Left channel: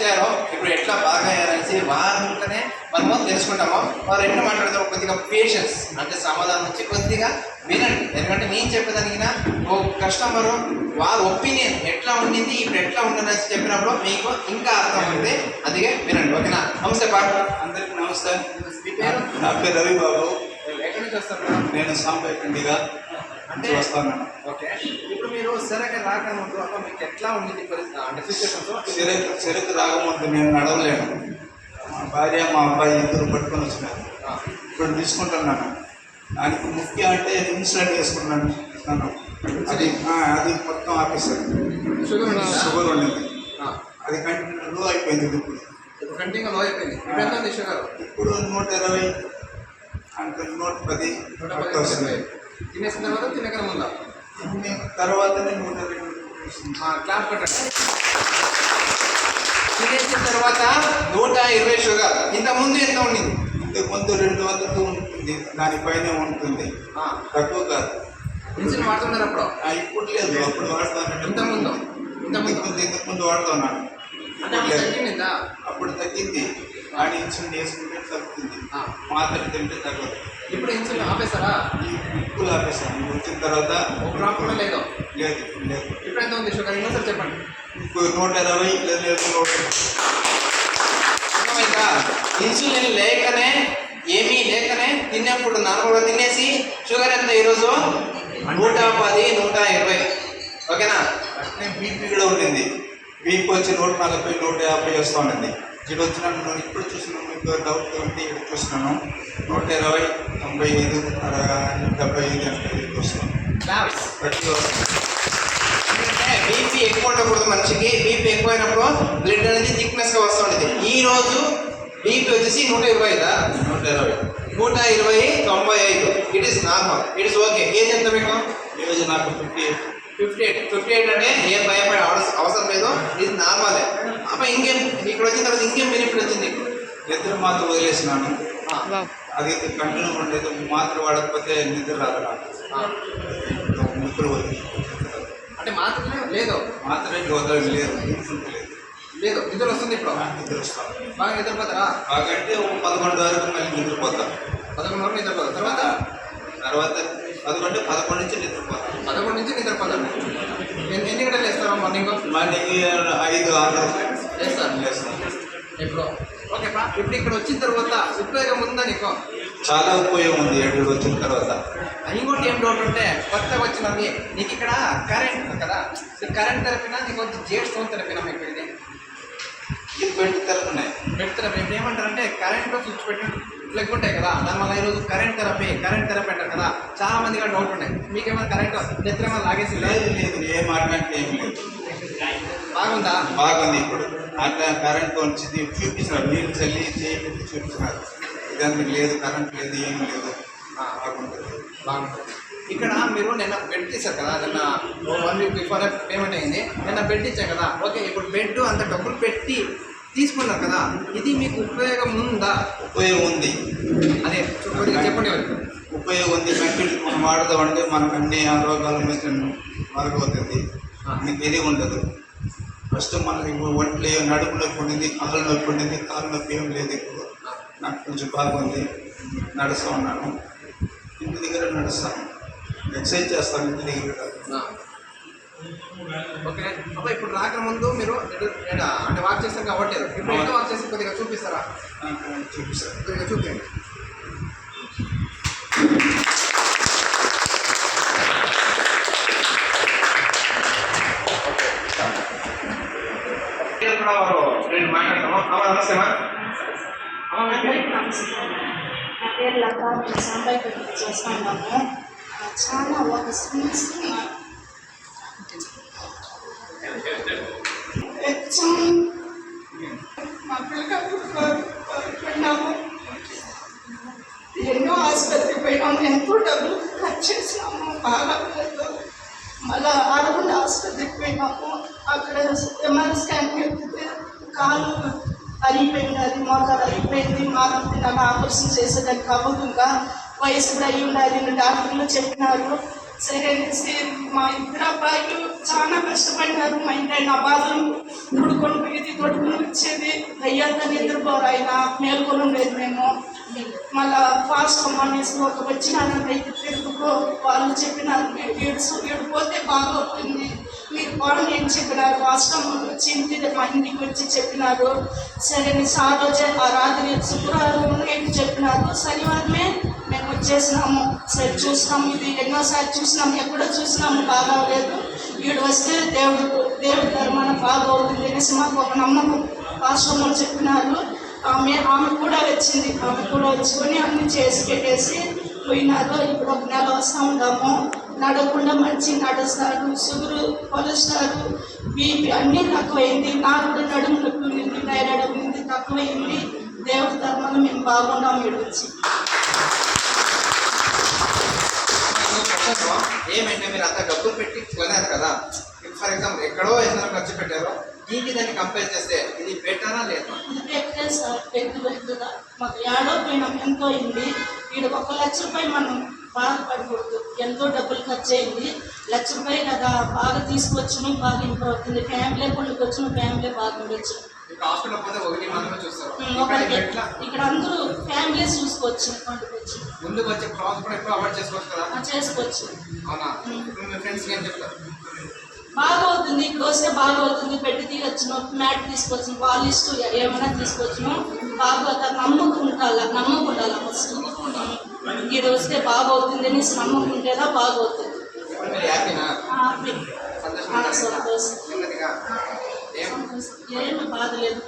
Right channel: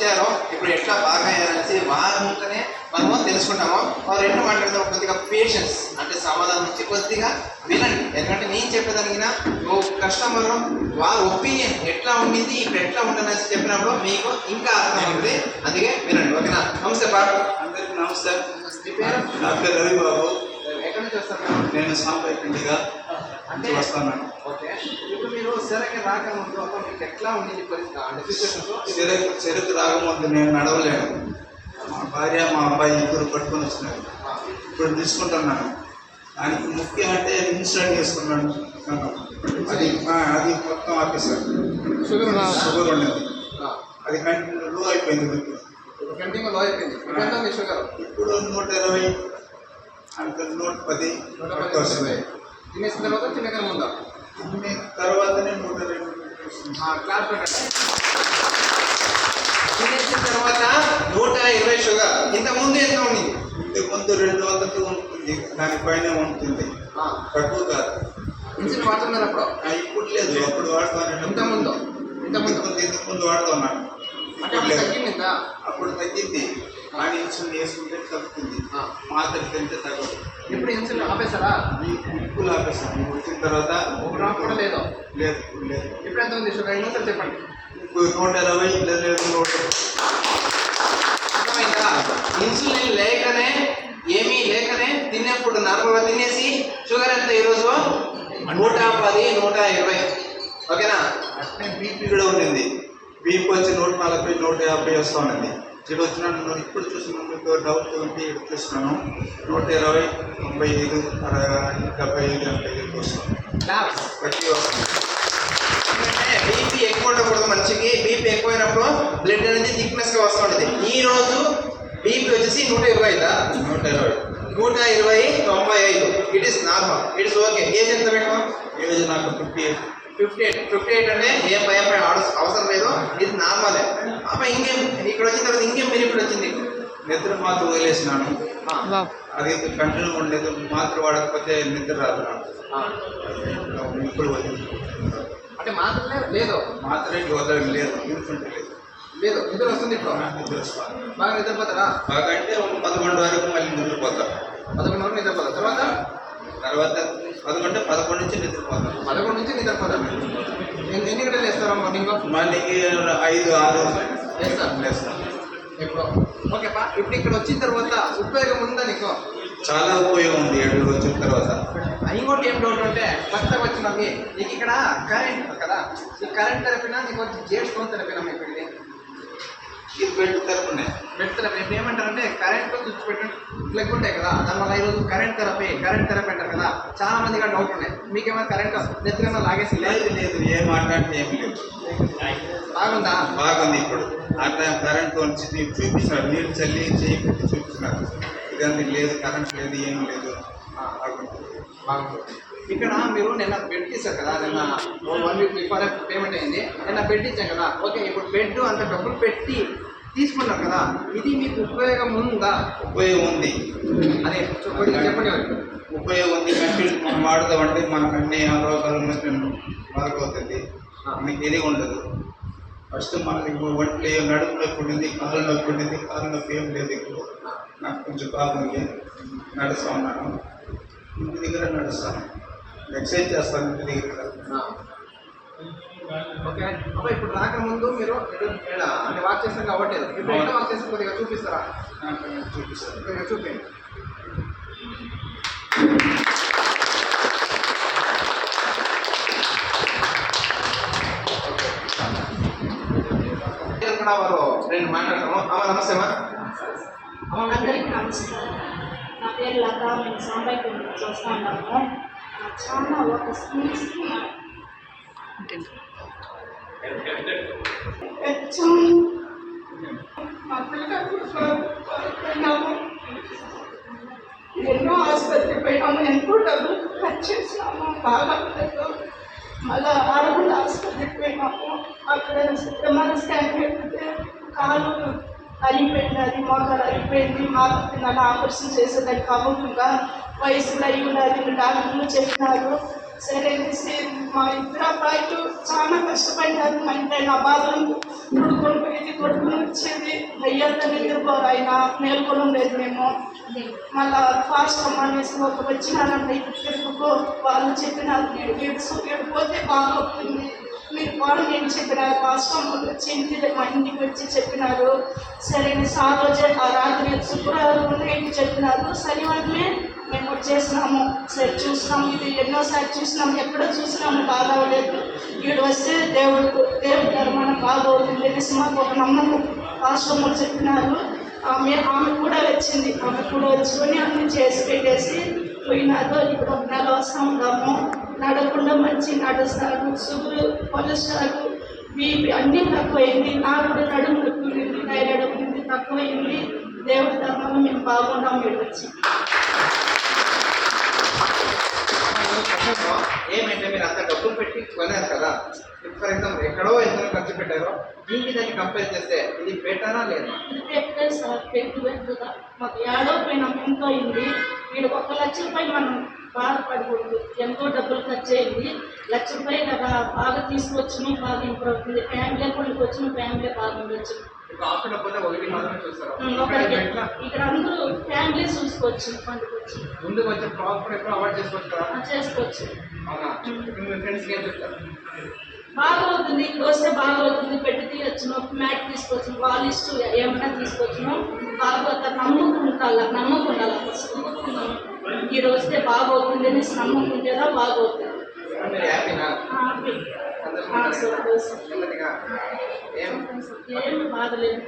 వచ్చారో ఇప్పుడు ఎట్లా బాగా అయ్యారనేసి వారినే మనము తెలుసుకుంటాము. వారు ఎట్లా మాట్లాడతారో కొద్దిగా పేషెన్స్ అంటే సమాధానం నుంచి కొద్దిగా వినండి. ఎందుకంటే నేను చెప్పేదానికి ఓ కస్టమరు వాళ్ళ ఒపీనియన్ ఎట్లా ఉండింది ఇప్పుడు ఎట్లా ఉంటుంది అని చెప్పినప్పుడు మీకు ఇంకా అర్థం ఉంటుంది. అందుకే వినండి. ఓకేనా? నమస్తే పాటు అందరికీ నమస్తే. మీ పేరు? నా పేరు రవి బాబు. ఎక్కడి నుంచి వస్తారు? నేను సాంపేటండిగా అంటే వస్తాను. ఓకే, ఇప్పుడు మీరు సరైన రాకముందు మీకు ఎట్లా ఉండేది పరిస్థితి అంటే సిచ్యువేషన్స్? చెరుకు రాకముందు నేను నడవలేను. మా భార్య మా అబ్బాయి ఇద్దరు పట్టుకొని వచ్చినారు. ఇప్పుడు తీసుకుంటున్నాను. దానికి ముఖ్యం అంటే ఇన్సులిన్ వేసుకున్నాను. అది మొత్తం ఆపేశారు. షుగర్ ఉండేది. అది కంటిన్యూ లో అయిపోయింది. ఇప్పుడు కంటిన్యూ లో అయిపోయింది. ఇప్పుడు ఎంత ఉంది షుగర్? ఇప్పుడు 120 అంటే 110 వస్తుంది. తినేసిన తర్వాత తినక ముందా? తిన్న తర్వాతనే 120 క్లాస్ పెట్టండి. తినేసిన తర్వాత 120 షుగర్. ఇంతకుముందు ఎంత ఉండింది? ఇంతకుముందు 200 ఉంటుంది, దానిపైన ఉంటుంది, తక్కువ కాదు. ఇన్సులిన్ వాడుతున్నారు అప్పుడు? ఇప్పుడు లేదు, అప్పుడు వాడుతాను. ఇంతకుముందు వాడుతున్నాను. అంటే తగ్గిందా? అప్పుడు తగ్గింది, కానీ ఇన్సులిన్ వేసుకుంటే తగ్గుతుంది, మాత్రం తింటే తగ్గదు. ఇప్పుడు ఇన్సులిన్ ఆపేశారా? ఇప్పుడు ఆపేసాను. ఇప్పుడు వచ్చిన తర్వాత ఒక గ్రామ్ కూడా లేదు. ఇప్పుడు ఎంత ఉంది షుగర్? ఇంకోసారి చెప్పండి. ఇప్పుడు 120 లేదు. అర్థమైందా? ఇన్సులిన్ లేకనే ఏమీ లేకనే తిన్నప్పుడు నార్మల్గా తినేసి షుగర్ ఎంత ఈరోజు 110, 120. ఓకేనా? అట్నే బీపీ కూడా ఉండింది. బీపీ వచ్చి 140, 150 వస్తూ ఉండింది. ఇక్కడ వచ్చినాను. నేను ఇప్పుడు చూసినాను, మీకు డౌట్ ఉంటే ఇక్కడ చూస్తున్నాను. 120, 95, 75 అంటే వస్తున్నాను. ఎందుకంటే బీపీ ఎక్కువ ఉండకూడదు మనిషికి. బీపీ ఎక్కువైనప్పుడు బ్లడ్ అనేది థిక్నెస్గా వస్తుంటుంది. ఈ రోజు బీపీ వచ్చేసి 120, 120, 95. It is normal, it is okay. Age ఎంత మీకు? ఈరోజు నాకు 58 అంటే ఏం భయపడే అవసరం లేదు, ఇది నార్మలే. అప్పుడు ఇంకేం ఇక్కడ వచ్చిన తర్వాత ఇంకేం బెనిఫిట్ వచ్చింది? నిద్ర మాత్రం వదిలేసినాను. అది కంటిన్యూ ఉండలేదు. మాత్ర వాడకపోతే నిద్ర రాదు నాకు. నిద్ర వదిలేదు అంటే మాత్రమే లేదు, మాత్రం వదలడం లేదు, లేదు నిద్ర వస్తుంది. ఇప్పుడు నిద్ర వస్తాను. బాగా నిద్రపోతారా? బాగా అంటే ఒక 11 వరకు మళ్ళీ నిద్రపోతాను. 11 వరకు నిద్రపోతారు. తర్వాత 11 నుంచి నిద్రపోతాను. 11 నుంచి నిద్రపోతారు. ఎన్ని గంటలు వేస్తారా మార్నింగ్? మార్నింగ్ 5, 6 వేస్తాను. ఇప్పుడు ఓకేపా. ఇప్పుడు ఇక్కడ వచ్చిన తర్వాత ఉపయోగం ఉందా నీకు? చాలా ఉపయోగం ఉంది ఇక్కడ వచ్చిన తర్వాత. ఇంకోటి ఏం డౌట్ అంటే కొత్తగా వచ్చినది నీకు ఇక్కడ కరెంట్ కదా, ఈ కరెంట్ తరపున నీకు వచ్చి జేడ్ స్టోన్ తరపున మీకు ఇది బెడ్ తరపున్నాయి. బెడ్ థెరపీ ఇప్పుడు ఏమంటారంటే కరెంట్ స్విచ్ పెట్టి ప్లగ్ ఉంటాయి కదా, దానివల్ల ఈరోజు కరెంట్ థెరపీ అంటారు కదా. చాలా మందిగా డౌట్ ఉన్నాయి. మీకేమైనా కరెంట్ నెత్తిరేమో లాగేసి? లేదు, ఏం మాట్లాడితే ఏం లేదు. బాగుందా? బాగుంది. ఇప్పుడు అట్లా కరెంట్ వచ్చి చూపిస్తున్నారు, నీళ్ళు చల్లి చేపెట్టి చూపిస్తున్నారు. ఇదంతా లేదు, కరెంట్ లేదు, ఏం లేదు, బాగుంటుంది. ఇక్కడ మీరు నిన్న బెడ్ తీశారు కదా, నిన్న 1 వీక్ బిఫోర్ పేమెంట్ అయింది. నిన్న బెడ్ ఇచ్చాం కదా. ఓకే, ఇప్పుడు బెడ్ అంత డబ్బులు పెట్టి తీసుకున్నారు కదా, ఇది మీకు ఉపయోగం ఉందా? ఉపయోగం ఉంది. అదే కొద్దిగా చెప్పండి. ఉపయోగం ఉంది. కంప్యూటర్ మనం వాడదామంటే మనకు అన్ని రోగాలు మరగవుతుంది, మనకి ఏది ఉండదు. ఫస్ట్ మనకి ఒంట్లో నడుపు నొప్పి ఉండింది, కాళ్ళు నొప్పి ఉండింది. కాళ్ళు నొప్పి ఏం లేదు. ఇప్పుడు నాకు కొంచెం బాగుంది. నడుస్తూ ఉన్నాను, ఇంటి దగ్గర నడుస్తాను, ఎక్సర్సైజ్ చేస్తాను ఇంటి దగ్గర. ఓకే అబ్బా, ఇప్పుడు రాకముందు మీరు అంటే వాక్ చేస్తాక అవ్వట్లేదు. ఇప్పుడు ఎట్లా వాక్ చేస్తే కొద్దిగా చూపిస్తారా? చూపిస్తాను, కొద్దిగా చూపించండి. కూడా వారు రెండు మాట్లాడతాము. అమ్మ నమస్తే. అమ్మ నమస్కారం. నా పేరు లత. మేము సాంబాయి చూస్తున్నాము. చాలా ఒక స్వీట్స్కి మా పిల్లలకు పోయినాము, ఎన్నో ఆసుపత్రికి పోయినాము, ఎంతో డబ్బులు ఖర్చు చేసినాము, బాగా లేదు. మళ్ళీ ఆడగుండ ఆసుపత్రికి పోయినాము. అక్కడ ఎంఆర్ఐ స్కాన్ పెడితే కాలు అయిపోయింది, అది మోకాలు అయిపోయింది, మాత్రం తినాలి, ఆపరేషన్ చేసేదానికి అవ్వకుండా వయసులో అయి ఉండాలి డాక్టర్లు చెప్పినారు. సరే అనేసి మా ఇద్దరు అబ్బాయిలు చాలా కష్టపడ్డారు. మా ఇంటి ఆయన బాధలు తొడుకొని పోయేది, తొడుకొని వచ్చేది. అయ్యాక నిద్రపోరు ఆయన, మేల్కొని ఉండేది మేము. మళ్ళా ఫాస్ట్ అమ్మ అనేసి ఒక వచ్చినారంటే తిరుగుకో వాళ్ళు చెప్పినారు, మీరు ఏడిపోతే బాగవుతుంది, మీరు వాళ్ళు నేను చెప్పినారు. ఫాస్ట్ అమ్మలు వచ్చి మా ఇంటికి వచ్చి చెప్పినారు. సరే ఆ రోజే ఆ రాత్రి శుక్రవారం నైట్ చెప్పినారు. శనివారమే మేము వచ్చేసినాము. సరే చూసినాము, ఇది ఎన్నోసార్లు చూసినాము, ఎక్కడో చూసినాము, బాగా అవ్వలేదు. వీడు వస్తే దేవుడు ధర్మాన బాగా అవుతుంది అనేసి మాకు ఒక నమ్మకం ఆశ్రమంలో చెప్పినారు. ఆమె కూడా వచ్చింది. ఆమె కూడా వచ్చుకొని అన్ని చేసి పెట్టేసి పోయినారు. ఇప్పుడు ఒక నెల వస్తూ ఉన్నాము. నడకుండా మంచి నడుస్తారు. షుగరు, కొలెస్ట్రాల్, బీపీ అన్నీ తక్కువైంది. నాకు కూడా నడుము నొప్పి ఉంది, థైరాయిడ్ ఉంది, తక్కువైంది. దేవుడి ధర్మంలో మేము బాగున్నాం. వీడు వచ్చి ఏమంటే మీరు అంత డబ్బులు పెట్టి కొన్నారు కదా, ఫర్ ఎగ్జాంపుల్ ఎక్కడో ఏదైనా ఖర్చు పెట్టారో, దీనికి దాన్ని కంపేర్ చేస్తే ఇది బెటరా లేదా? ఇది పెట్టే సార్, పెద్దగా మాకు ఏడో పోయినాం, ఎంతో అయింది. వీడు 1 లక్ష రూపాయలు మనం బాధపడకూడదు. ఎంతో డబ్బులు ఖర్చు అయింది. 1 లక్ష రూపాయలు కదా, బాగా తీసుకొచ్చును, బాగా ఇంప్రూవ్ అవుతుంది. ఫ్యామిలీ కొడుకు వచ్చిన ఫ్యామిలీ బాగుండొచ్చు. హాస్పిటల్ పోతే ఒకటి మాత్రమే చూస్తారు, ఇక్కడ అందరూ ఫ్యామిలీ చూసుకోవచ్చు. పండుకొచ్చి ముందుకు వచ్చే హాస్పిటల్ ఎప్పుడు అవాయిడ్ చేసుకోవచ్చు కదా? చేసుకోవచ్చు. అవునా? ఇప్పుడు మీ ఫ్రెండ్స్కి ఏం చెప్తారు? బాగా అవుతుంది, ఇక్కడ వస్తే బాగా అవుతుంది, పెట్టి తీయచ్చును, మ్యాట్ తీసుకొచ్చును, వాళ్ళ ఇష్టం ఏమైనా తీసుకొచ్చును, బాగా అవుతారు. నమ్మకం ఉండాలి ఫస్ట్. ఇక్కడ వస్తే బాగా అవుతుంది అనేసి నమ్మకం ఉంటేదా బాగా అవుతుంది. మీరు హ్యాపీనా? ఏమి బాధ లేదు.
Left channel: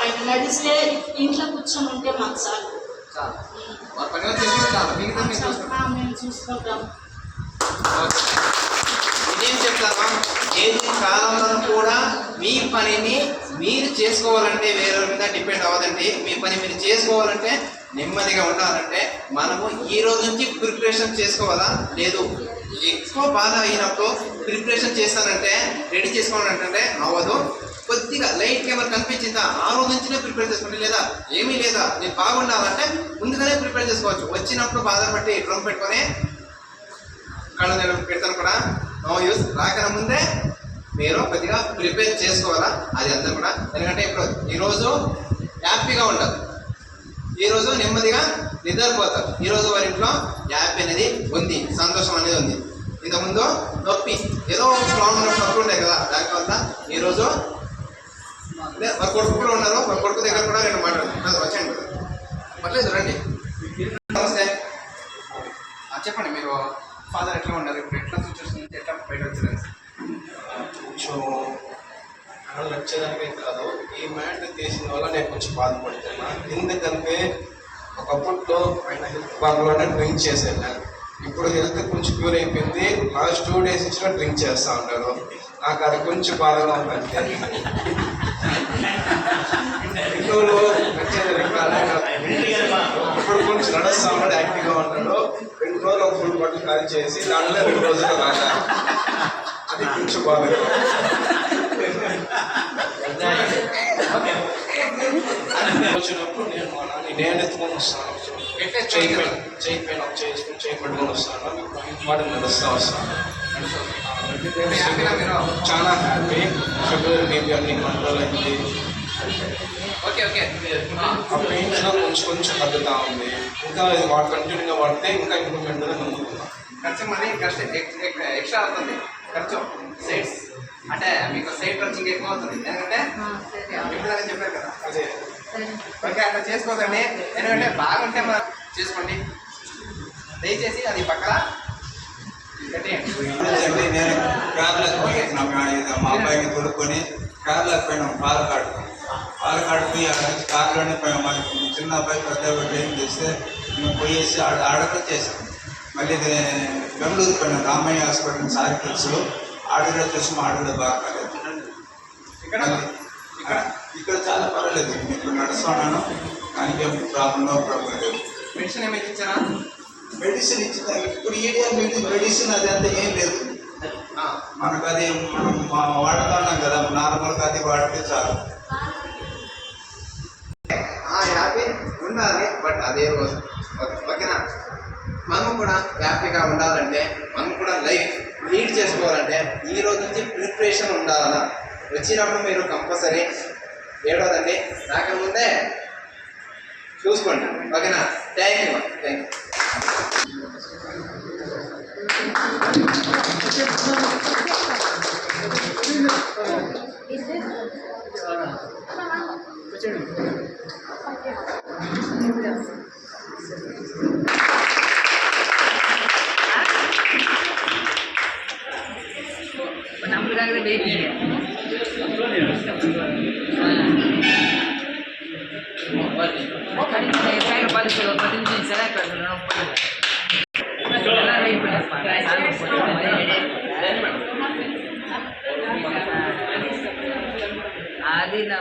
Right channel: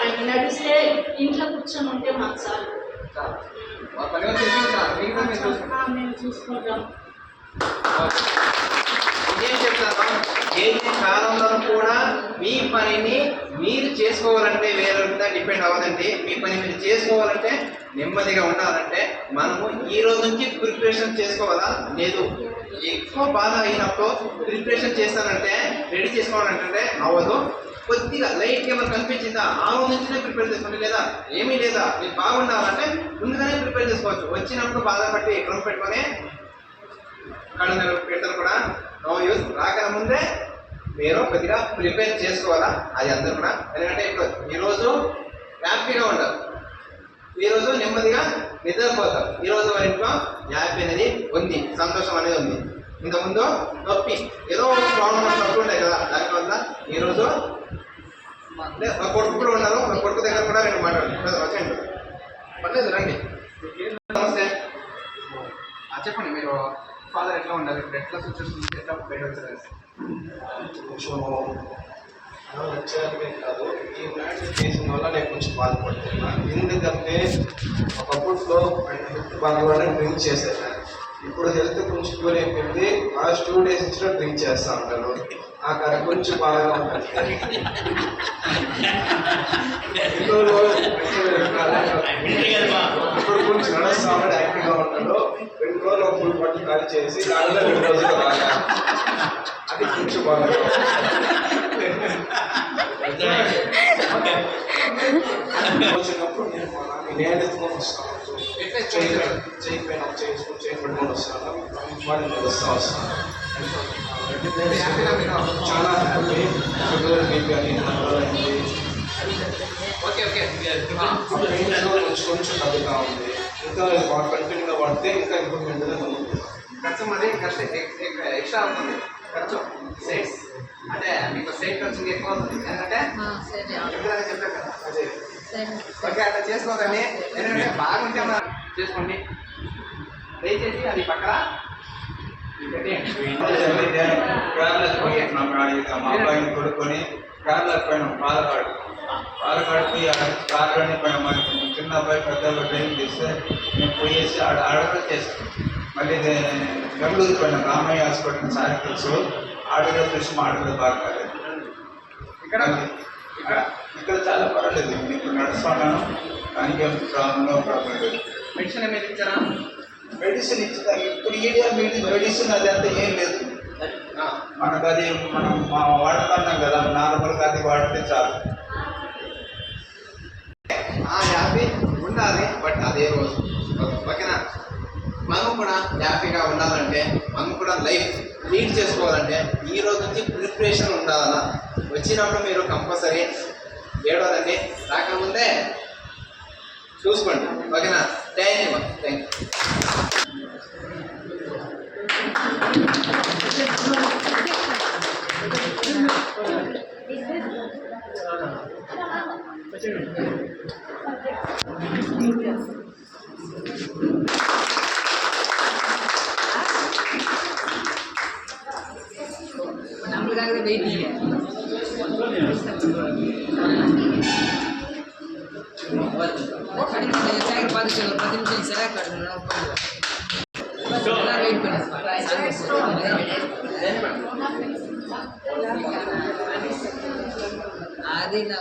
ఆయన నడిస్తే ఇంట్లో కూర్చొని ఉంటే మాకు చాలు. మేము చూసుకుంటాం. ఇదేం చెప్తాను, ఏ కాలంలో కూడా మీ పనిని మీరు చేసుకోవాలంటే వేరే మీద డిపెండ్ అవ్వదండి. మీ పని మీరు చేసుకోవాలంటే, నెమ్మదిగా ఉండాలంటే మనము ఈ రోజు నుంచి ప్రిపరేషన్ చేసుకోవాలా? లేదు, ఎక్కువ బాధ అయినప్పుడు ప్రిపరేషన్ చేస్తానంటే, రెడీ చేసుకోవాలంటే అవ్వదు. కొద్దిగా లైట్గా ఏమైనా కనిపించిందా, ఆ రోజు నుంచినే ప్రిపేర్ చేసుకోండి. లేదా ఏమీ లేదా, మీరు బాగుండాలంటే ముందుగానే ప్రిపేర్ చేసుకోవచ్చు. వచ్చినప్పుడు బాధపట్టి డ్రమ్ పెట్టుకొని కళ్ళు పెడతాను కూడా నో యూస్. రాకన ముందే మీరు కొద్దిగా ప్రిపేర్ చేసుకోవాలా, అది అందరూ కూడా. ఎందుకంటే ఇప్పుడు ఈరోజు హ్యాపీగా ఉండాలి, ఈరోజు నెమ్మదిగా నిద్రపోతారు. ఈరోజు వారి ఇంట్లో హ్యాపీ అనేది ఉంది, సంతోషం అనేది ఉంది. ఇంతకుముందు నొప్పి, ఏదో స్ట్రాంగ్ ఉన్న నొప్పి ఉంటాయి కదా, దానివల్ల ఈరోజు మా కొడుకు కూడా ఉన్నారు. మా కొడుకు దగ్గర కూడా 2 మాట్లాడు వచ్చండి. పర్లేదు, రండి. నమస్తే. చెప్పండి, మీరు ఫాదర్ ఎట్లా ఉన్నారు, ఇప్పుడు ఎట్లా సిచ్యువేషన్ నుంచి ఎట్లా బయట వచ్చారు? కొంచెం వచ్చేదానికే కాదు, ఈ మ్యాటర్ చేసిన వల్ల నేను కొంచెం బాధపడుతున్నా. ఎందుకంటే ఒకప్పట్లో ఆయన హెల్త్ బాగానే డ్రింక్ చేశాను. ఇప్పుడు హెల్త్ కొంచెం క్యూర్ అయిపోయింది. లాస్ట్ 2 days ఇచ్చినా డ్రింక్ చేస్తూ ఉంటాను. నాకు అది కొంచెం బాధగా ఉంటుంది. ఇప్పుడు కొంచెం నడుస్తూ ఉన్నాడు, యాక్టివ్గా ఉన్నాడు. 2 రోజులు ఒక ఫుల్ బట్టలు ఖాళీ చేసి దానిలో 2 రోజులు రాగా, అది కొంచెం బాగా వచ్చినప్పుడు నేను మా నాన్న నేను ఎత్తుకొని వస్తాను. చేయి పైన చేసుకుని చేయి పట్టుకొని వస్తాను. వాడు నడుస్తూ వస్తాను. చాలా హ్యాపీ. షుగర్ బీపీ అన్ని కంట్రోల్ అయింది. Okay okay. పెయిన్స్లో కొంచెం తగ్గుతూ ఉంది. ఇంకా వాడు కంటిన్యూగా వాడితే ఇంకా ఇంప్రూవ్మెంట్ అనేది నమ్ముతున్నాం. ఖర్చు మళ్ళీ ఖర్చు ఎక్స్ట్రా అవుతుంది. ఖర్చు సైడ్స్ అంటే మీకు సైడ్ ఖర్చు ఎక్కువ అవుతుంది. ఎందుకంటే ఎప్పుడైనా చెప్పారు కదా, అదే ఓకే అట్లా చేసుకోకండి. ఎందుకంటే బాగుంటే మనం చేసుకోండి. దయచేసి అది పక్కన నేను కేరళకు పోయినాం. మా అబ్బాయిని కొడుకొని కేరళకు పోయినాం. పాలకాడు పోయి కార్లోనే పోయినాం. మరి చిన్న అబ్బాయి పెద్ద అబ్బాయి ఏం చేస్తే మేము పోయేసి ఆడక చేస్తాం. మళ్ళీ బెంగళూరు పోయినాం. రామయ్య హాస్పిటల్ సారికల్స్లో ఆడగా చూసి మా ఆడలో బాగా కాలేదు. ఇక్కడ చాలా పర్వాలేదు. ఇప్పుడు నడుస్తున్నాను, దానికి నో ప్రాబ్లం లేదు. మెడిసిన్ ఏమైనా ఇచ్చారా? మెడిసిన్ ఇచ్చిన ఇప్పుడు ఈడియా మెడిసిన్ అది అంతా ఏం లేదు. మనకు అది మనం వాడుతున్నాం కదా, నార్మల్గా అది వాడితే చాలు. హ్యాపీ ఉండాలి, బట్ అదే రోజు ఓకేనా. మనం కూడా హ్యాపీగా ఉండాలంటే మనం కూడా లైఫ్ లీడ్ చేసుకోవాలంటే ఈ రోజు నుంచి ప్రిపరేషన్ ఉండాలన్నా వచ్చినప్పుడు మీరు కంపల్సరీ ఏడవదండి, రాకముందే చూసుకోండి. ఓకేనా? Thank you. Thank you. అది నా